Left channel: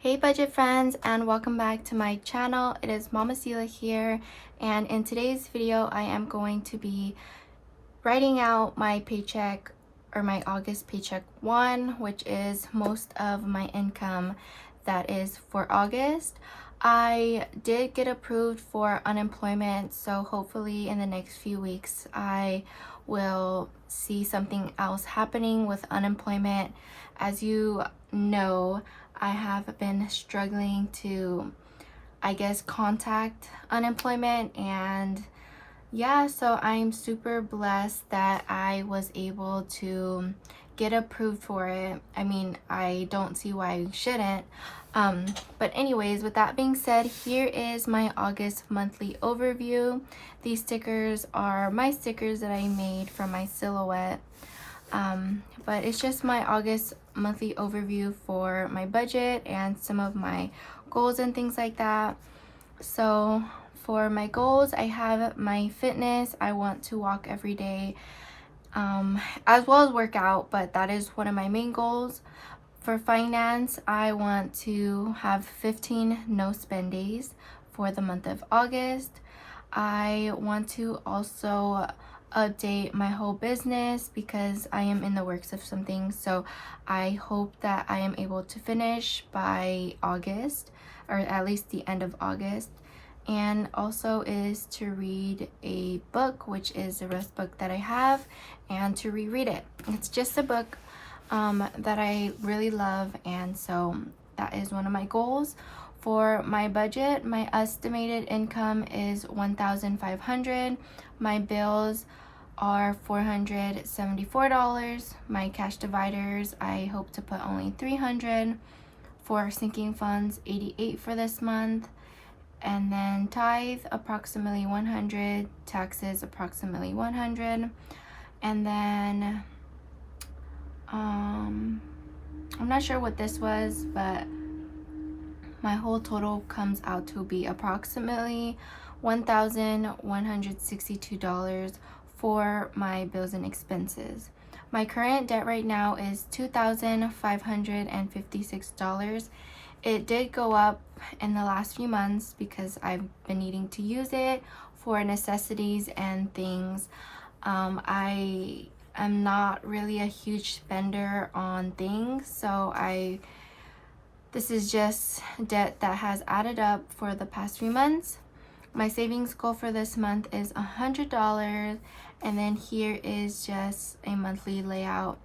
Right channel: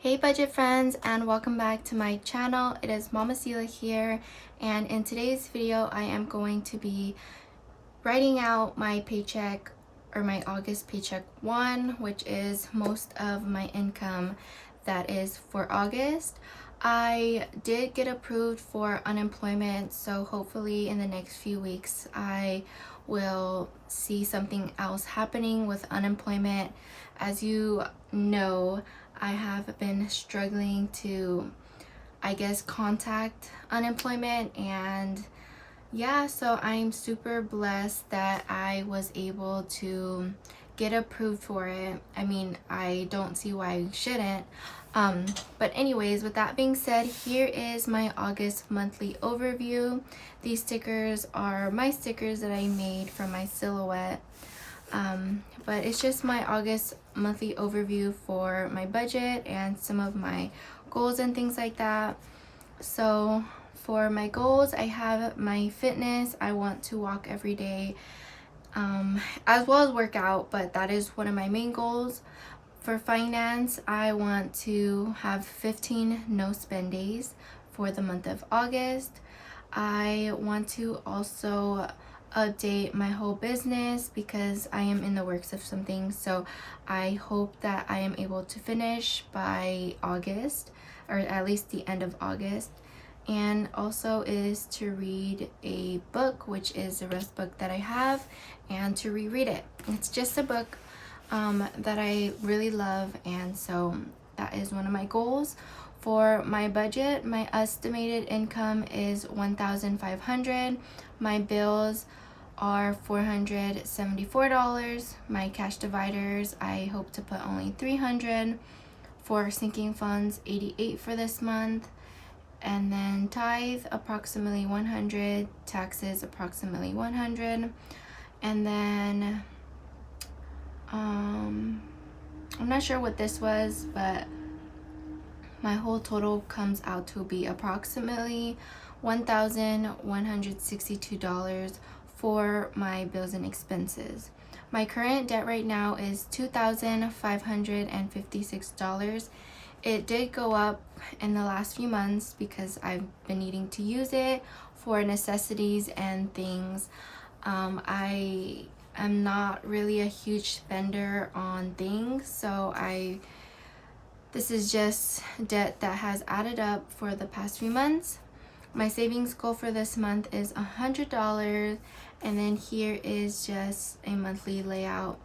Hey budget friends, and welcome back to my channel. It is Mama Sila here, and in today's video I am going to be writing out my paycheck, or my August paycheck 1, which is most of my income that is for August. I did get approved for unemployment, so hopefully in the next few weeks I will see something else happening with unemployment. As you know, I have been struggling to, I guess, contact unemployment, and yeah, so I'm super blessed that I was able to get approved for it. I mean, I don't see why I shouldn't. But anyways, with that being said, here is my August monthly overview. These stickers are my stickers that I made from my silhouette. But it's just my August monthly overview for my budget and some of my goals and things like that. So for my goals, I have my fitness. I want to walk every day, as well as work out, but that is one of my main goals. For finance, I want to have 15 no spend days for the month of August. I want to also update my whole business because I am in the works of some things, so I hope that I am able to finish by August, or at least the end of August. And also is to read a book, which is the rest book that I have, and to reread it. It's just a book that I really love, and so that is one of my goals. For my budget, my estimated income is $1,500. My bills are $474. My cash dividers, I hope to put only $300. For sinking funds, $88 for this month. And then tithe, approximately $100. Taxes, approximately $100. And then I'm not sure what this was, but my whole total comes out to be approximately $1,162 for my bills and expenses. My current debt right now is $2,556. It did go up in the last few months because I've been needing to use it for necessities and things. I am not really a huge spender on things, so this is just debt that has added up for the past few months. My savings goal for this month is $100, and then here is just a monthly layout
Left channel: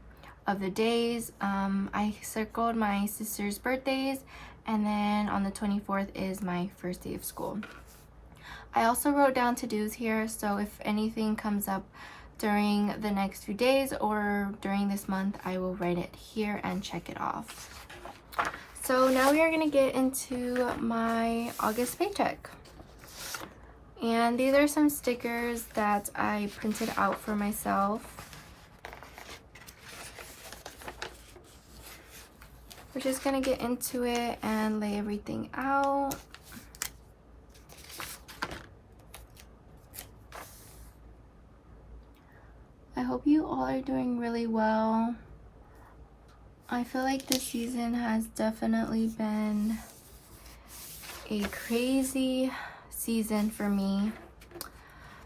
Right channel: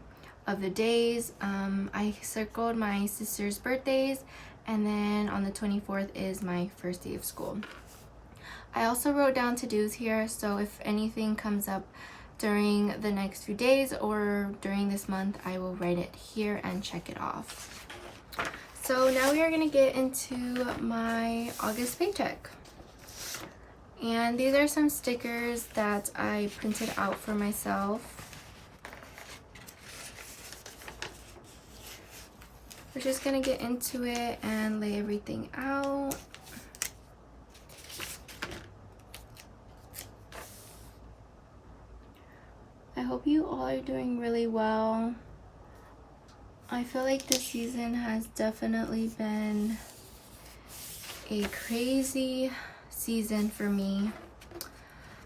of the days. I circled my sister's birthdays, and then on the 24th is my first day of school. I also wrote down to-dos here, so if anything comes up during the next few days or during this month, I will write it here and check it off. So now we are going to get into my August paycheck. And these are some stickers that I printed out for myself. We're just going to get into it and lay everything out. I hope you all are doing really well. I feel like this season has definitely been a crazy season for me.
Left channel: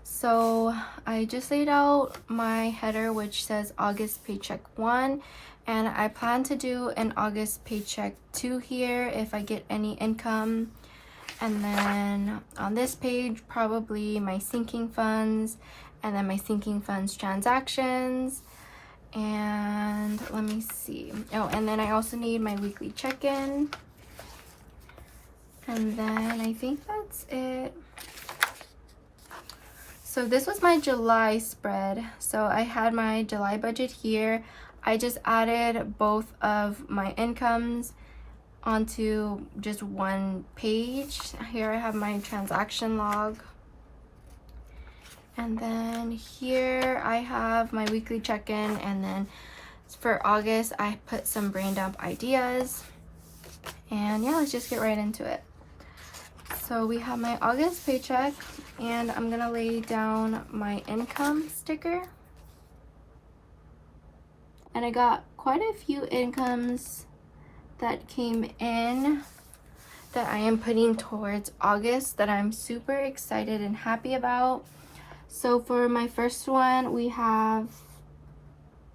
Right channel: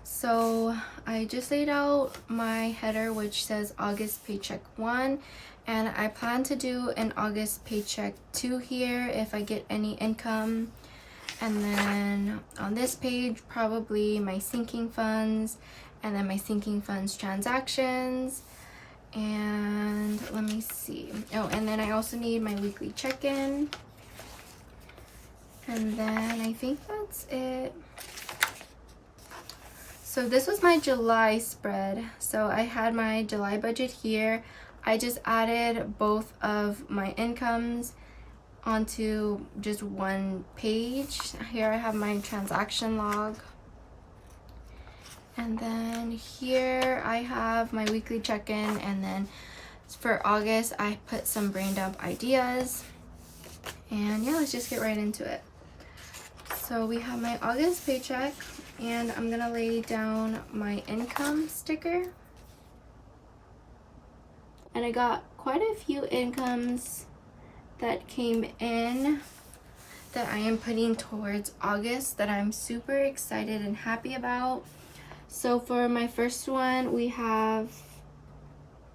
So I just laid out my header, which says August paycheck 1, and I plan to do an August paycheck 2 here if I get any income. And then on this page, probably my sinking funds, and then my sinking funds transactions. And let me see. Oh, and then I also need my weekly check-in. And then I think that's it. So this was my July spread. So I had my July budget here. I just added both of my incomes onto just one page. Here I have my transaction log. And then here I have my weekly check-in, and then for August I put some brain dump ideas. And yeah, let's just get right into it. So we have my August paycheck, and I'm gonna lay down my income sticker. And I got quite a few incomes that came in that I am putting towards August that I'm super excited and happy about. So for my first one, we have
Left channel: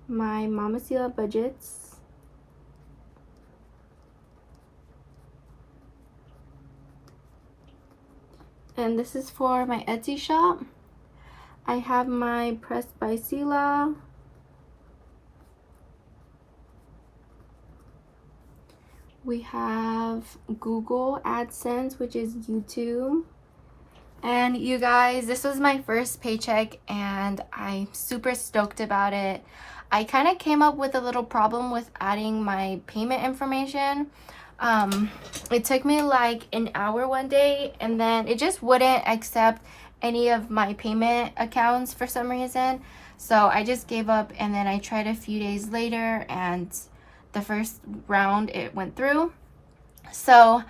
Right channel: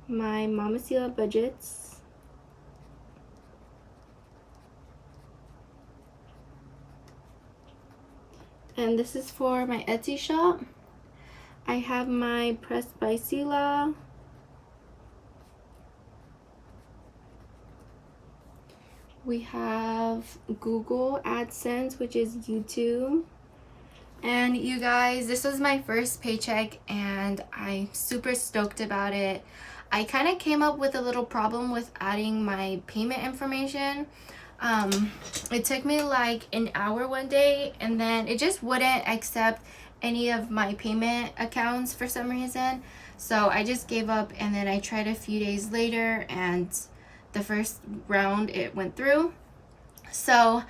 my Mama Sila budgets. And this is for my Etsy shop. I have my Pressed by Sila. We have Google AdSense, which is YouTube. And you guys, this was my first paycheck and I'm super stoked about it. I kind of came up with a little problem with adding my payment information. It took me like an hour one day and then it just wouldn't accept any of my payment accounts for some reason. So I just gave up and then I tried a few days later and the first round it went through. So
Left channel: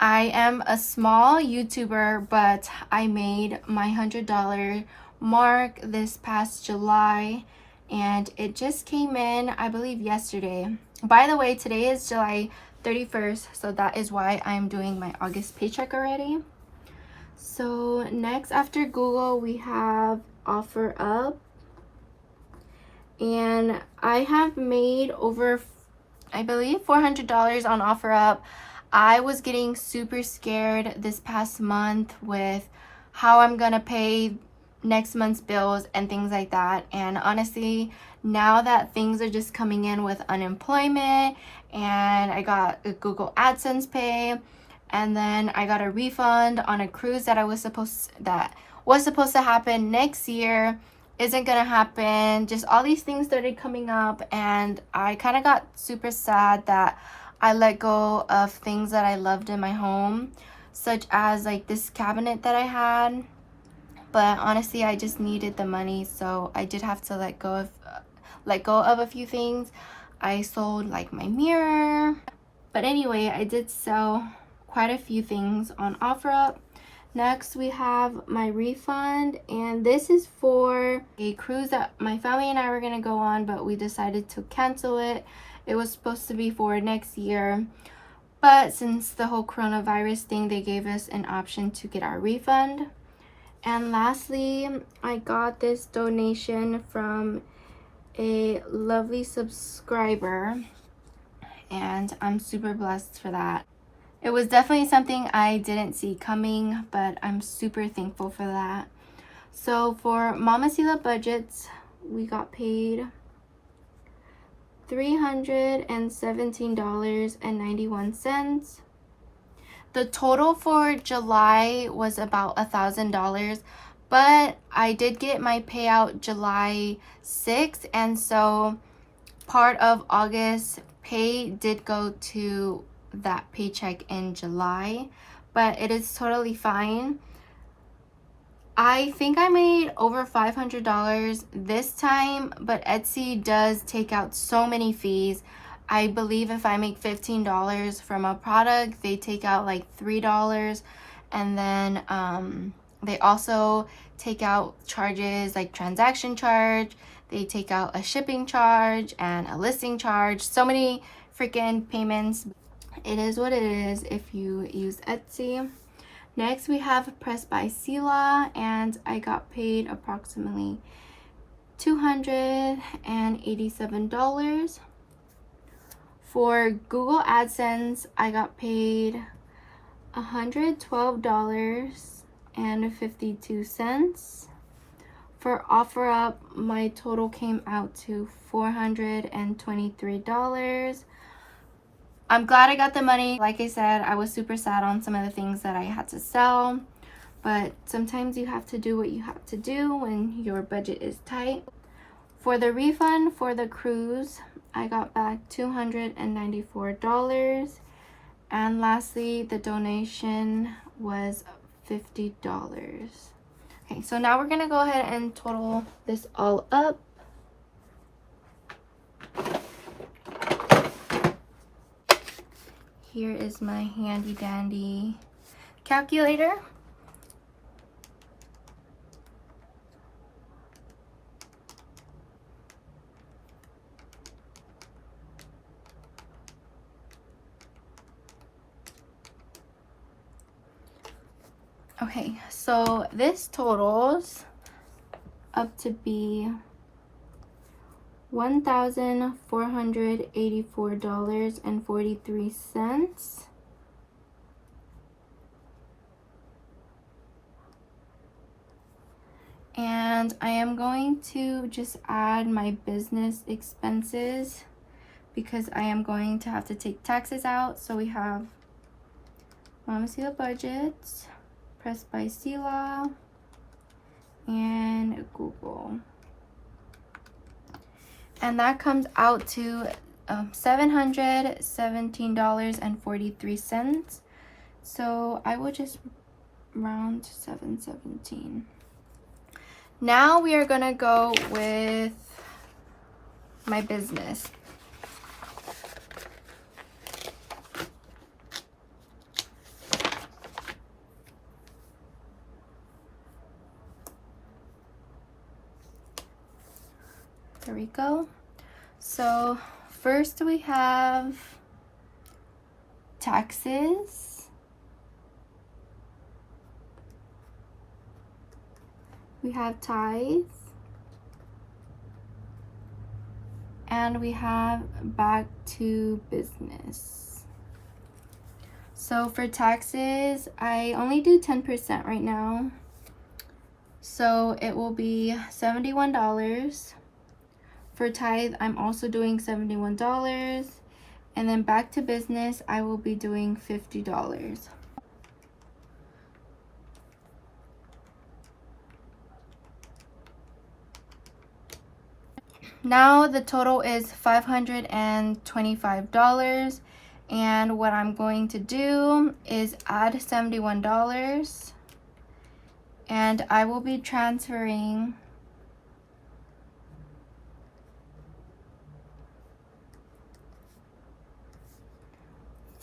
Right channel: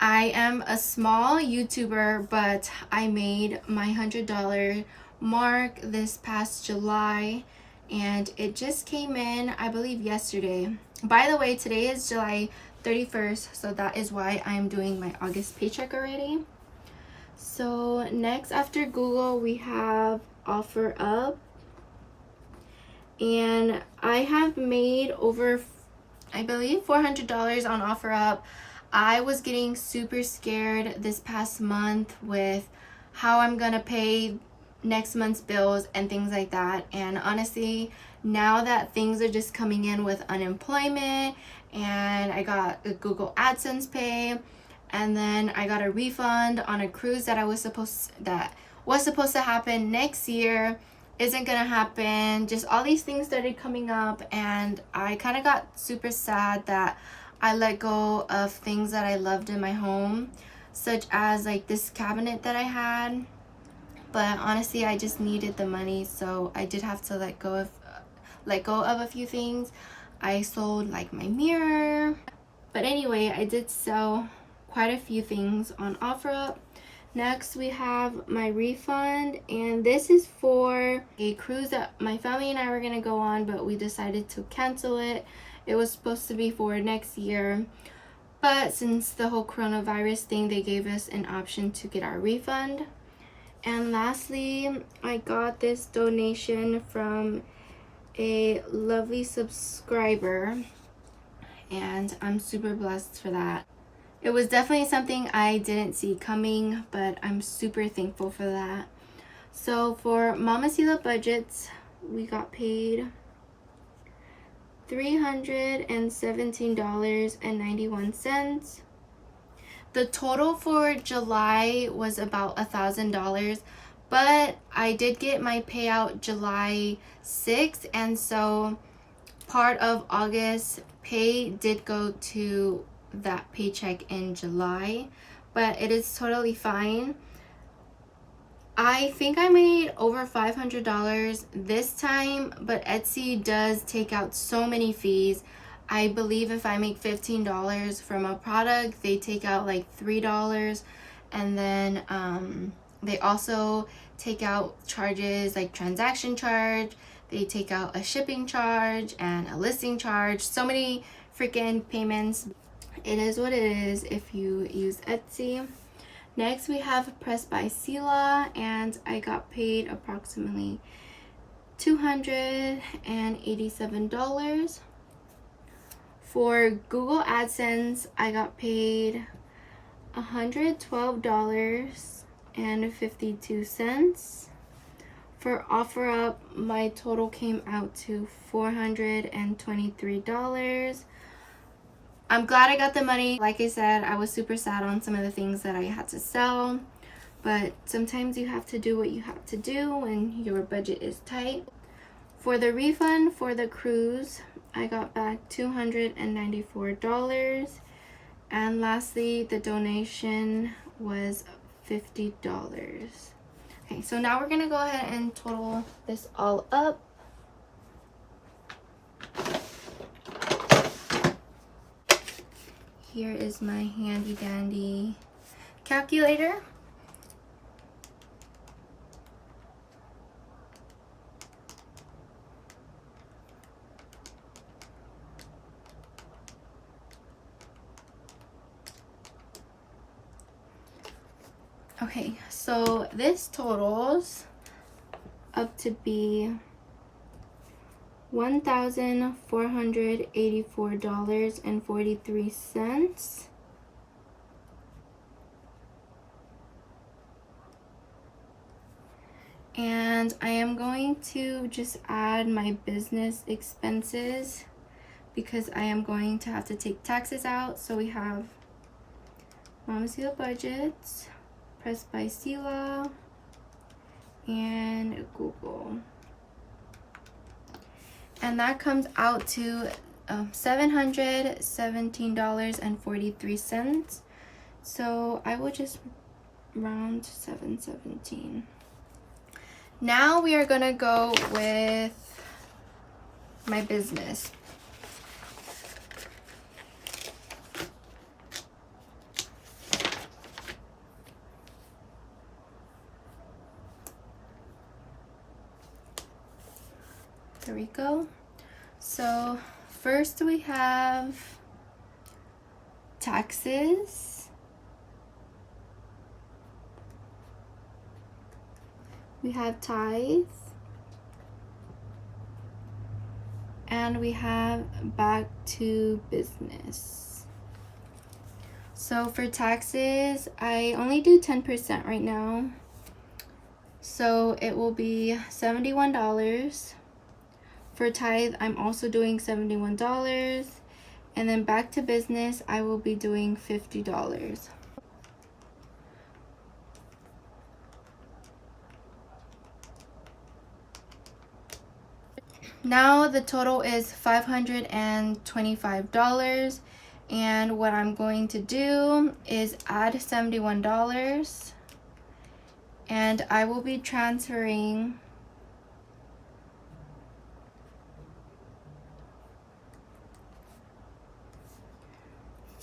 I am a small YouTuber, but I made my $100 mark this past July and it just came in, I believe, yesterday. By the way, today is July 31st, so that is why I'm doing my August paycheck already. So next after Google, we have OfferUp. And I have made over, I believe, $400 on OfferUp. I was getting super scared this past month with how I'm gonna pay next month's bills and things like that. And honestly, now that things are just coming in with unemployment and I got a Google AdSense pay and then I got a refund on a cruise that was supposed to happen next year isn't gonna happen. Just all these things started coming up and I kind of got super sad that I let go of things that I loved in my home, such as like this cabinet that I had. But honestly, I just needed the money, so I did have to let go of a few things. I sold like my mirror, but anyway, I did sell quite a few things on OfferUp. Next, we have my refund, and this is for a cruise that my family and I were gonna go on, but we decided to cancel it. It was supposed to be for next year, but since the whole coronavirus thing, they gave us an option to get our refund. And lastly, I got this donation from a lovely subscriber, and I'm super blessed for that. It was definitely something I didn't see coming, but I'm super thankful for that. So for Mama Sila budgets, we got paid $317.91. The total for July was about $1,000, but I did get my payout July 6th, and so part of August pay did go to that paycheck in July, but it is totally fine. I think I made over $500 this time, but Etsy does take out so many fees. I believe if I make $15 from a product, they take out like $3, and then they also take out charges like transaction charge, they take out a shipping charge and a listing charge, so many freaking payments. It is what it is if you use Etsy. Next, we have Pressed by Sila, and I got paid approximately $287. For Google AdSense, I got paid $112.52. For OfferUp, my total came out to $423. I'm glad I got the money. Like I said, I was super sad on some of the things that I had to sell, but sometimes you have to do what you have to do when your budget is tight. For the refund for the cruise, I got back $294. And lastly, the donation was $50. Okay, so now we're gonna go ahead and total this all up. Here is my handy dandy calculator. Okay, so this totals up to be $1,484.43. And I am going to just add my business expenses because I am going to have to take taxes out. So we have Mama Sila budgets, pressed by Sila, and Google. And that comes out to $717.43. So I will just round to 717. Now we are gonna go with my business. There we go. So first we have taxes. We have tithe. And we have back to business. So for taxes, I only do 10% right now. So it will be $71. For tithe, I'm also doing $71. And then back to business, I will be doing $50. Now the total is $525. And what I'm going to do is add $71. And I will be transferring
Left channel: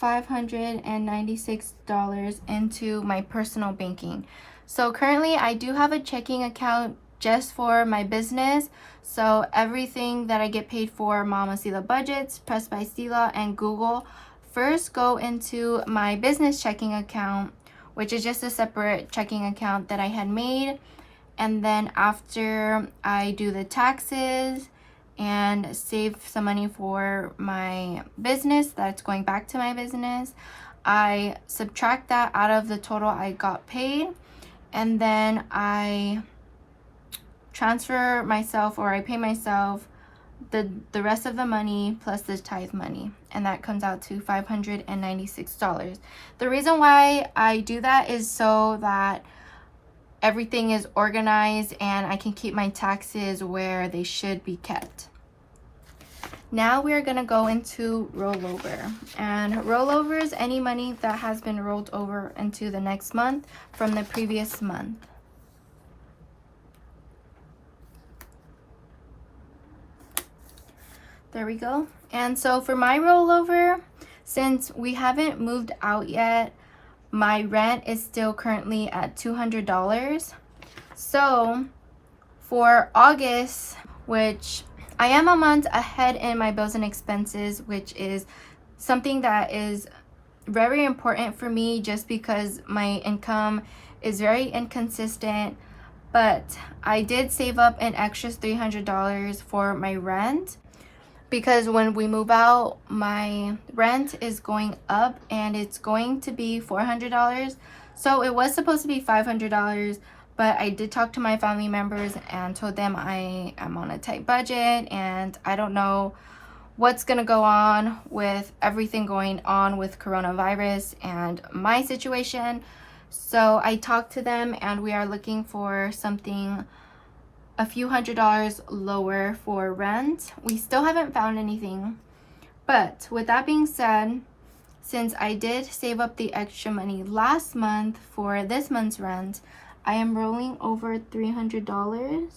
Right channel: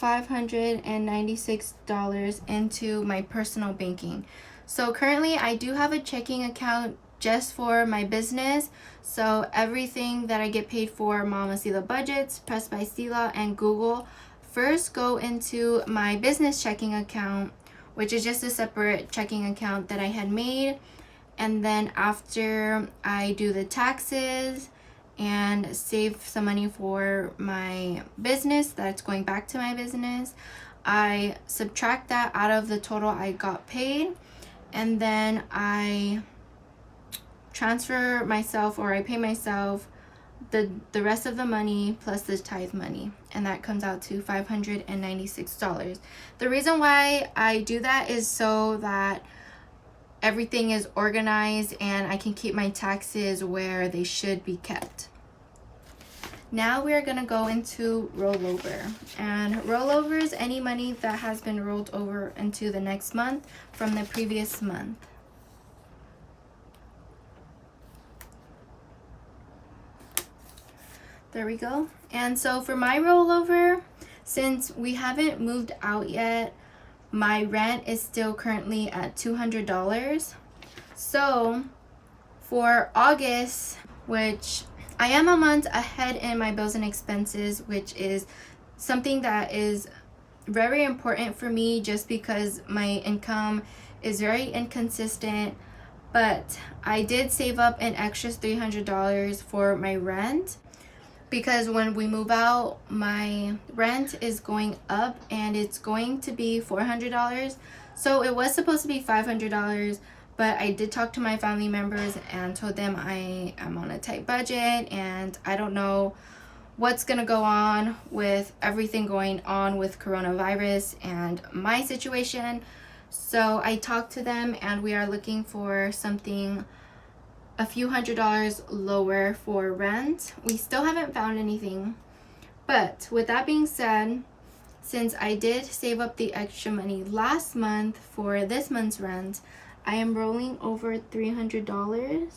$596 into my personal banking. So currently I do have a checking account just for my business. So everything that I get paid for, Mama Sila budgets, Pressed by Sila, and Google, first go into my business checking account, which is just a separate checking account that I had made. And then after I do the taxes and save some money for my business that's going back to my business, I subtract that out of the total I got paid, and then I transfer myself, or I pay myself the rest of the money plus the tithe money, and that comes out to $596. The reason why I do that is so that everything is organized and I can keep my taxes where they should be kept. Now we're gonna go into rollover, and rollover is any money that has been rolled over into the next month from the previous month. There we go. And so for my rollover, since we haven't moved out yet, my rent is still currently at $200. So for August, which I am a month ahead in my bills and expenses, which is something that is very important for me just because my income is very inconsistent. But I did save up an extra $300 for my rent, because when we move out, my rent is going up and it's going to be $400. So it was supposed to be $500, but I did talk to my family members and told them I am on a tight budget and I don't know what's gonna go on with everything going on with coronavirus and my situation. So I talked to them and we are looking for something a few $100s lower for rent. We still haven't found anything, but with that being said, since I did save up the extra money last month for this month's rent, I am rolling over $300.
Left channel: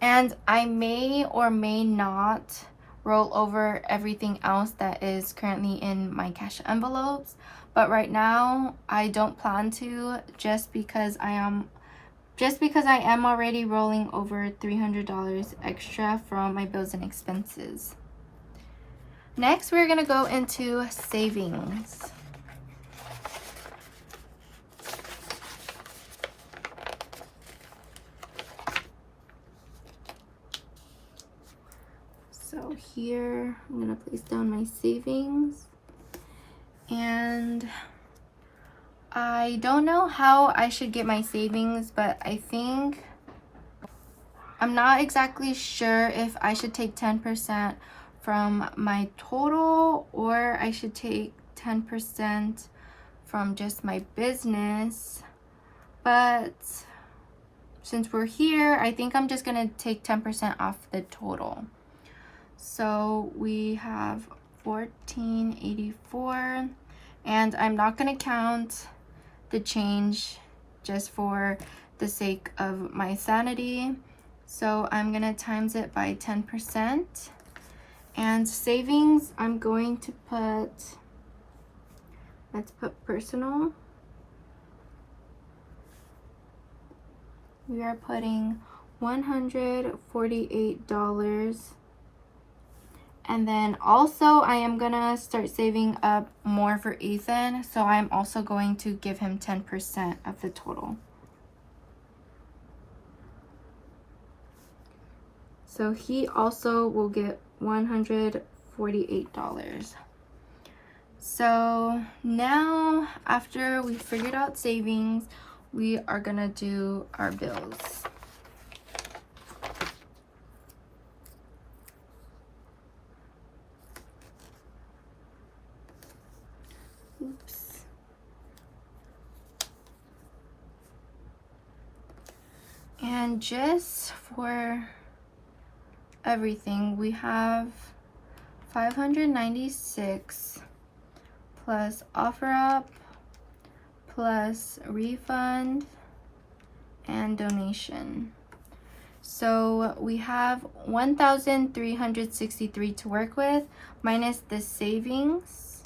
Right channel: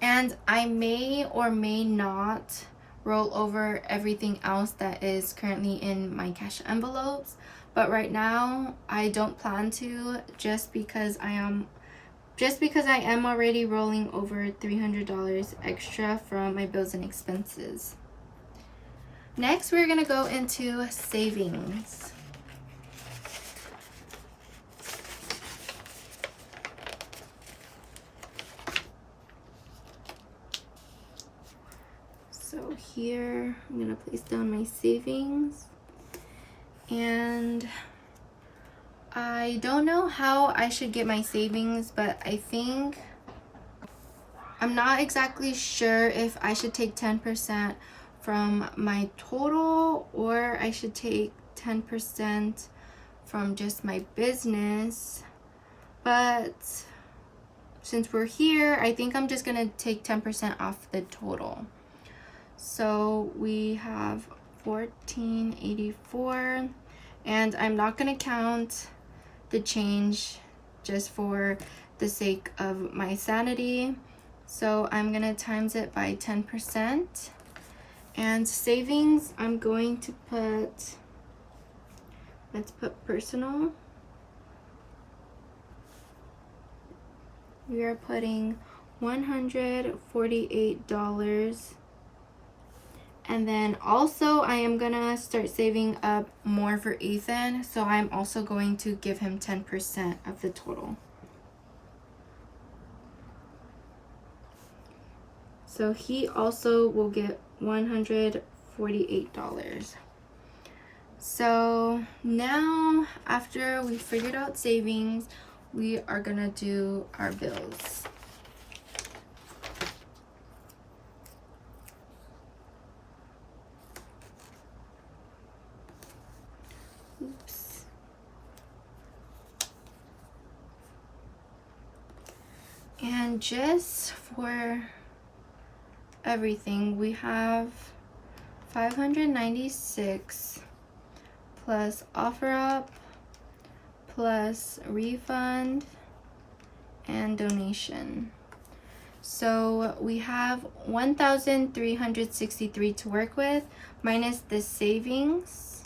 And I may or may not roll over everything else that is currently in my cash envelopes, but right now I don't plan to, just because I am already rolling over $300 extra from my bills and expenses. Next, we're gonna go into savings. So here I'm gonna place down my savings, and I don't know how I should get my savings, but I think I'm not exactly sure if I should take 10% from my total or I should take 10% from just my business. But since we're here, I think I'm just gonna take 10% off the total. So we have $14.84, and I'm not gonna count the change just for the sake of my sanity. So I'm gonna times it by 10%. And savings, I'm going to put, let's put personal. We are putting $148. And then also I am gonna start saving up more for Ethan. So I'm also going to give him 10% of the total. So he also will get $148. So now, after we figured out savings, we are gonna do our bills. Oops. And just for everything, we have $596 plus OfferUp plus refund and donation. So we have 1,363 to work with minus the savings.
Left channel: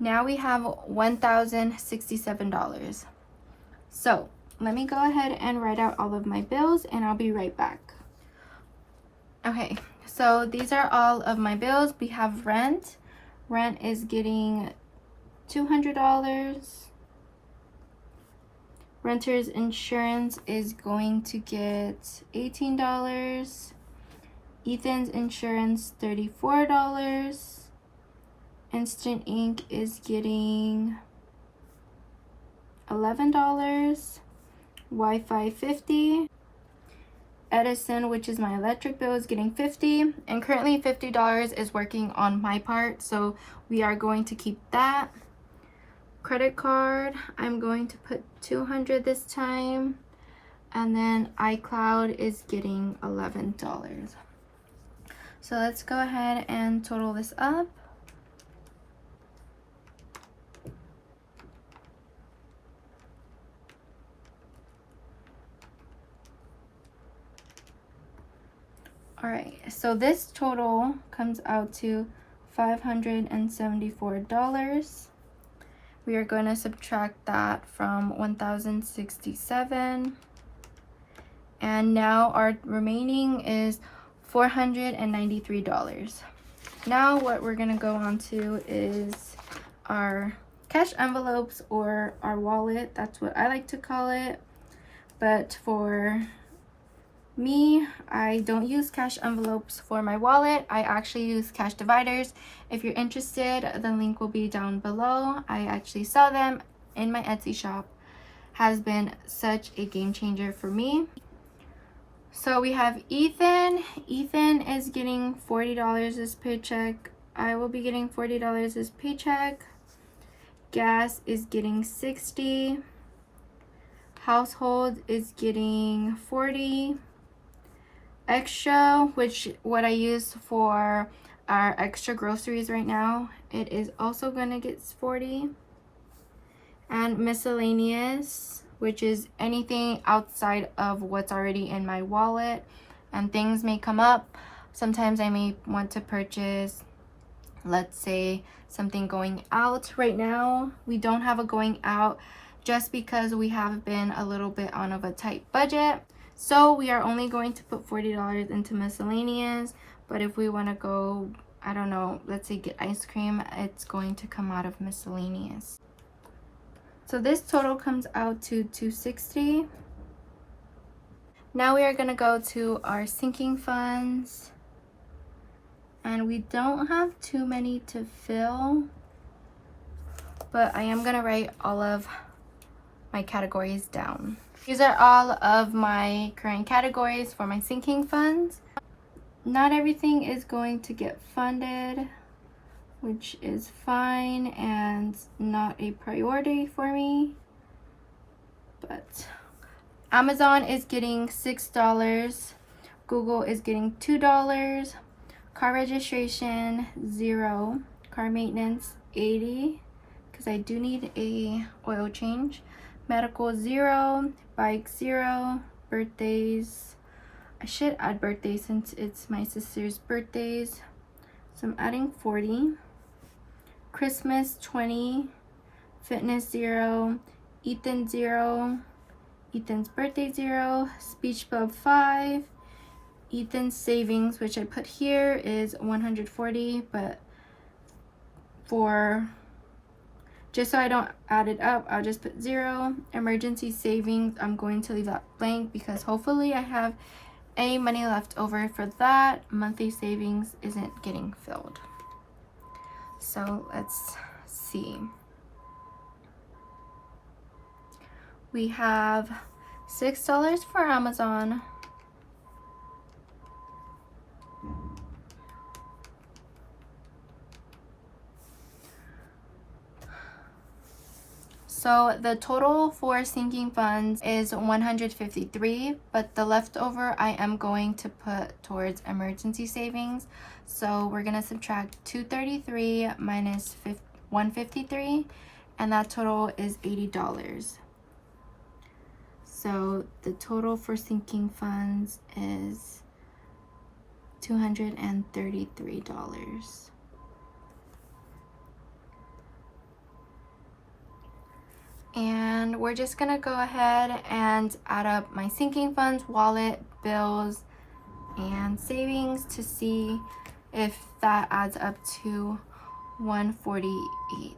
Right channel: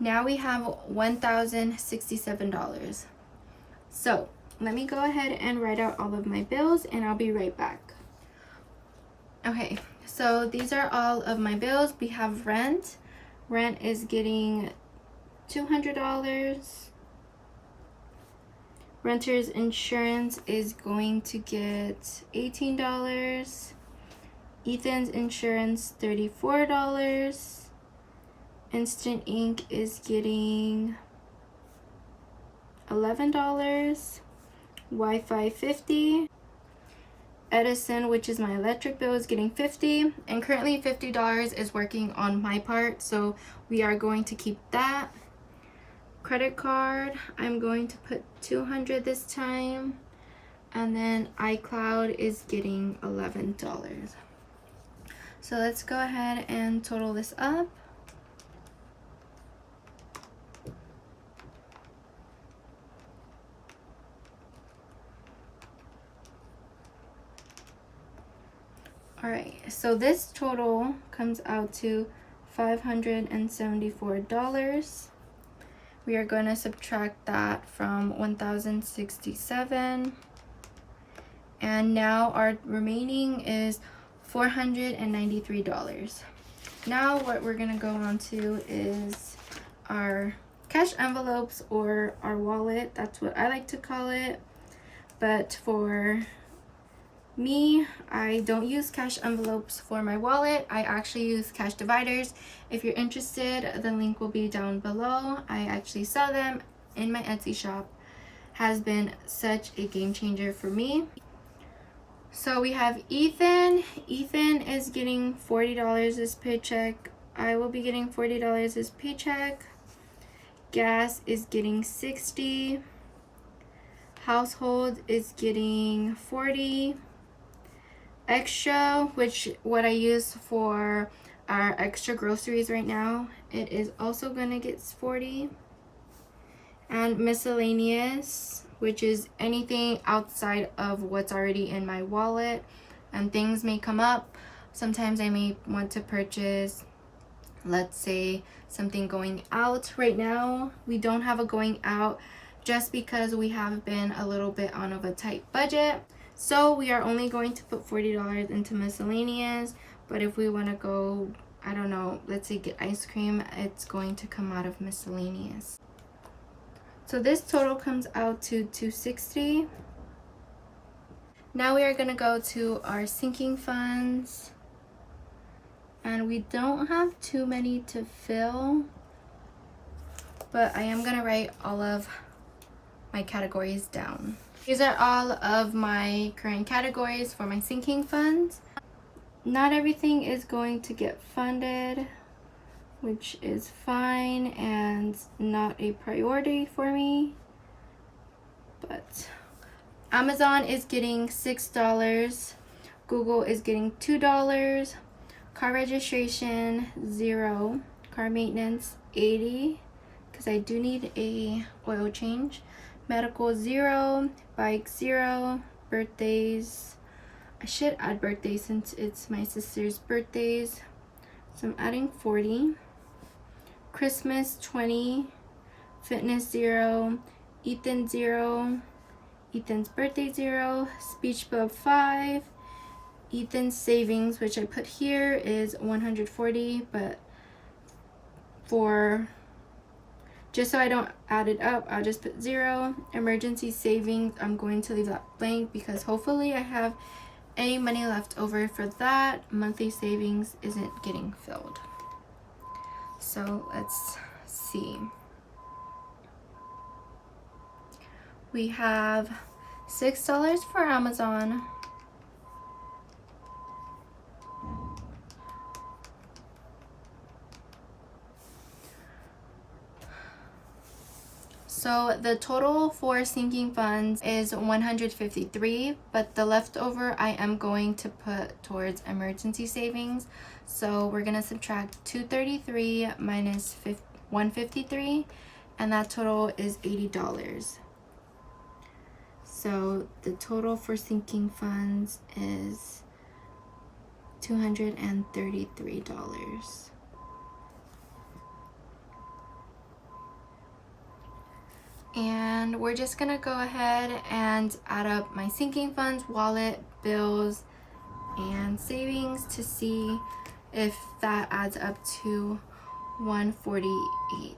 Now we have $1,067. So let me go ahead and write out all of my bills and I'll be right back. Okay, so these are all of my bills. We have rent. Rent is getting $200. Renter's insurance is going to get $18. Ethan's insurance, $34. Instant Ink is getting $11. Wi-Fi, $50. Edison, which is my electric bill, is getting $50, and currently $50 is working on my part, so we are going to keep that. Credit card, I'm going to put $200 this time, and then iCloud is getting $11. So let's go ahead and total this up. All right, so this total comes out to $574. We are going to subtract that from 1,067. And now our remaining is $493. Now what we're going to go on to is our cash envelopes, or our wallet. That's what I like to call it. But for me, I don't use cash envelopes for my wallet. I actually use cash dividers. If you're interested, the link will be down below. I actually sell them in my Etsy shop. Has been such a game changer for me. So we have Ethan. Ethan is getting $40 this paycheck. I will be getting $40 this paycheck. Gas is getting $60. Household is getting $40. Extra, which what I use for our extra groceries right now, it is also gonna get $40. And miscellaneous, which is anything outside of what's already in my wallet, and things may come up. Sometimes I may want to purchase, let's say, something going out. Right now we don't have a going out just because we have been a little bit on of a tight budget. So we are only going to put $40 into miscellaneous, but if we want to go, I don't know, let's say get ice cream, it's going to come out of miscellaneous. So this total comes out to $260. Now we are gonna go to our sinking funds, and we don't have too many to fill, but I am gonna write all of my categories down. These are all of my current categories for my sinking funds. Not everything is going to get funded, which is fine and not a priority for me, but Amazon is getting $6, Google is getting $2, car registration $0, car maintenance $80 because I do need a oil change, medical $0, bike $0, birthdays, I should add birthdays since it's my sister's birthdays, so I'm adding 40, Christmas 20, fitness 0, Ethan 0, Ethan's birthday 0, speech bub 5, Ethan's savings, which I put here, is 140, but for just so I don't add it up, I'll just put 0. Emergency savings, I'm going to leave that blank because hopefully I have any money left over for that. Monthly savings isn't getting filled. So let's see. We have $6 for Amazon, so the total for sinking funds is 153, but the leftover I am going to put towards emergency savings. So we're gonna subtract 233 minus 153, and that total is $80. So the total for sinking funds is $233. And we're just gonna go ahead and add up my sinking funds, wallet, bills, and savings to see if that adds up to 148.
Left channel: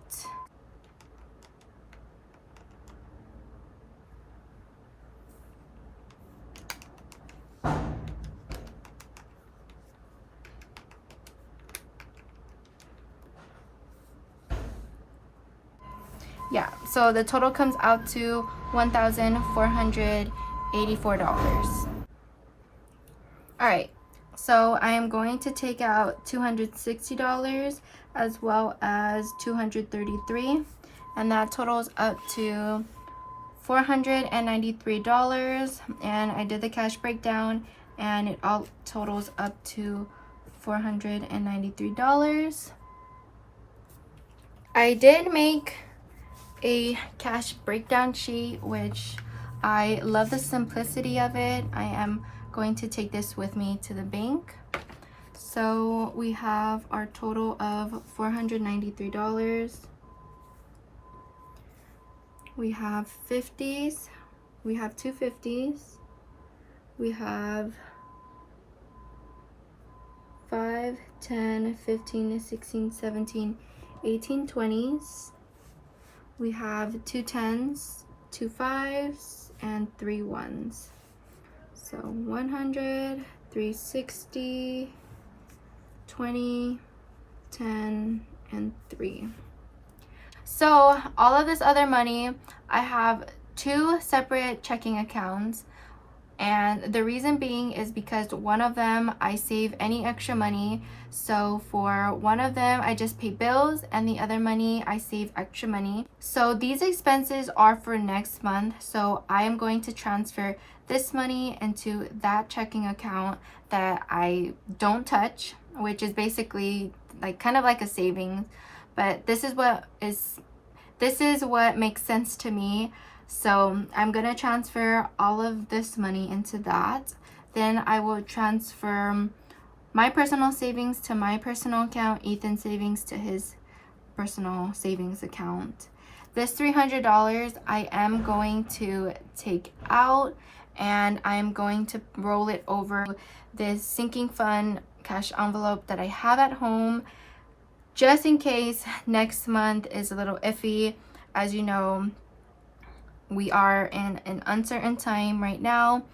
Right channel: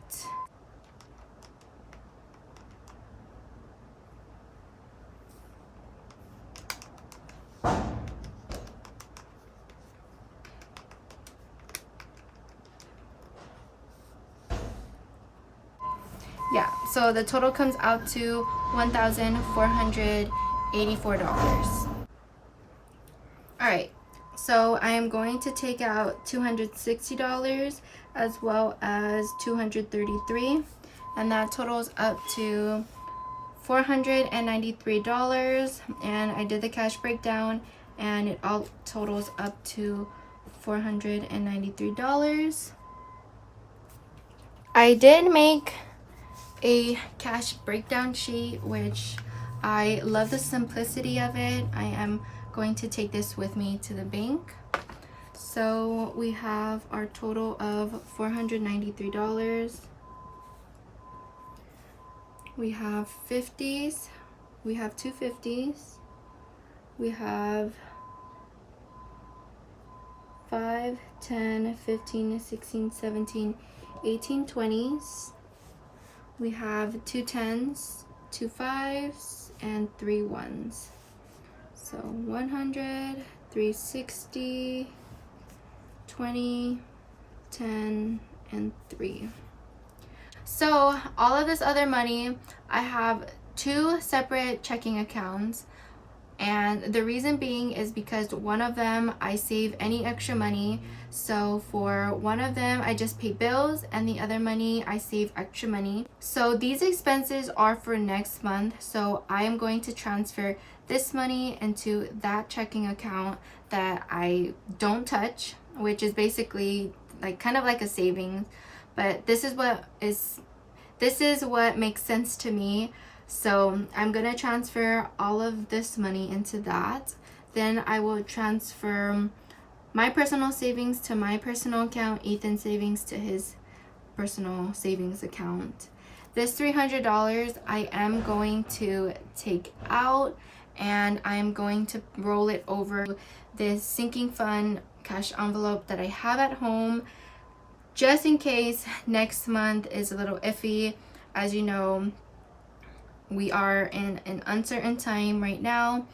Yeah, so the total comes out to $1,484. All right, so I am going to take out $260 as well as $233, and that totals up to $493. And I did the cash breakdown, and it all totals up to $493. I did make a cash breakdown sheet, which I love the simplicity of it. I am going to take this with me to the bank. So we have our total of $493. We have 50s, we have two 50s, we have 5, 10, 15, 16, 17, 18, 20s. We have 2 10s, 2 5s, and 3 1s. So 100, 360, 20, 10, and 3. So all of this other money, I have 2 separate checking accounts. And the reason being is because one of them I save any extra money. So for one of them, I just pay bills, and the other money I save extra money. So these expenses are for next month. So I am going to transfer this money into that checking account that I don't touch, which is basically like kind of like a savings. But this is what makes sense to me. So I'm gonna transfer all of this money into that. Then I will transfer my personal savings to my personal account, Ethan's savings to his personal savings account. This $300 I am going to take out, and I'm going to roll it over this sinking fund cash envelope that I have at home, just in case next month is a little iffy. As you know, we are in an uncertain time right now,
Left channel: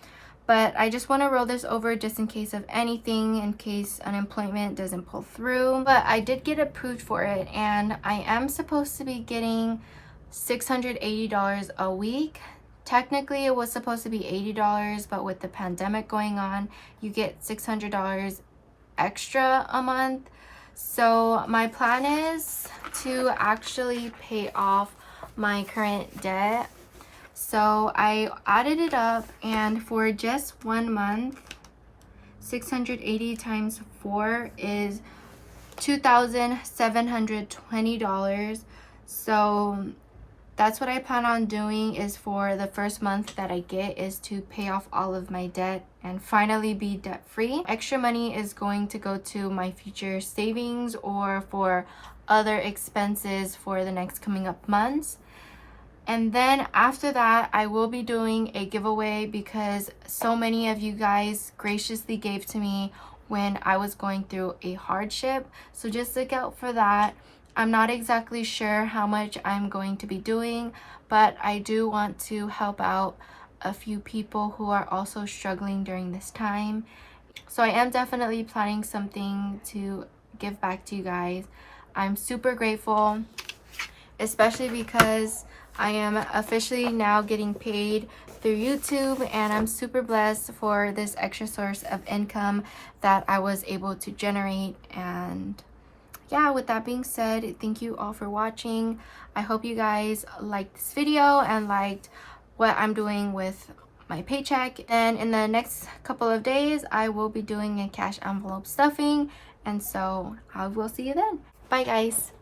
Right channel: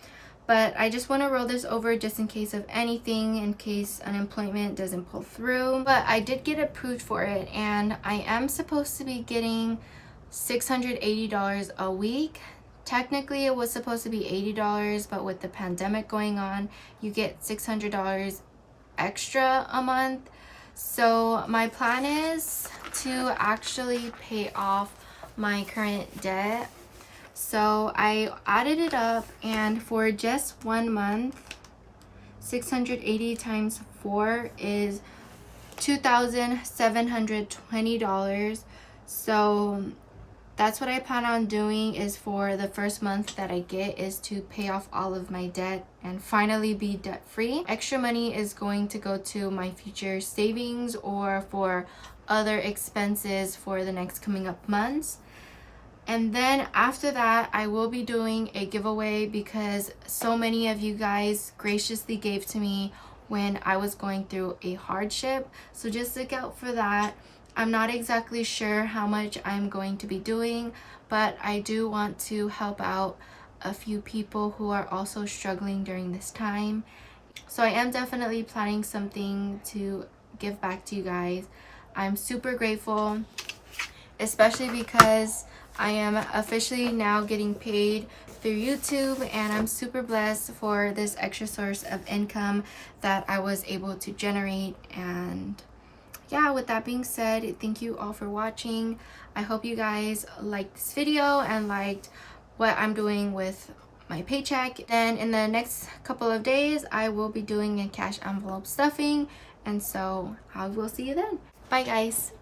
but I just want to roll this over just in case of anything, in case unemployment doesn't pull through. But I did get approved for it, and I am supposed to be getting $680 a week. Technically it was supposed to be $80, but with the pandemic going on, you get $600 extra a month. So my plan is to actually pay off my current debt. So I added it up, and for just 1 month, 680 times 4 is $2,720. So that's what I plan on doing, is for the first month that I get is to pay off all of my debt and finally be debt free. Extra money is going to go to my future savings or for other expenses for the next coming up months. And then after that, I will be doing a giveaway because so many of you guys graciously gave to me when I was going through a hardship. So just look out for that. I'm not exactly sure how much I'm going to be doing, but I do want to help out a few people who are also struggling during this time. So I am definitely planning something to give back to you guys. I'm super grateful, especially because I am officially now getting paid through YouTube, and I'm super blessed for this extra source of income that I was able to generate. And yeah, with that being said, thank you all for watching. I hope you guys liked this video and liked what I'm doing with my paycheck. Then in the next couple of days, I will be doing a cash envelope stuffing, and so I will see you then. Bye guys.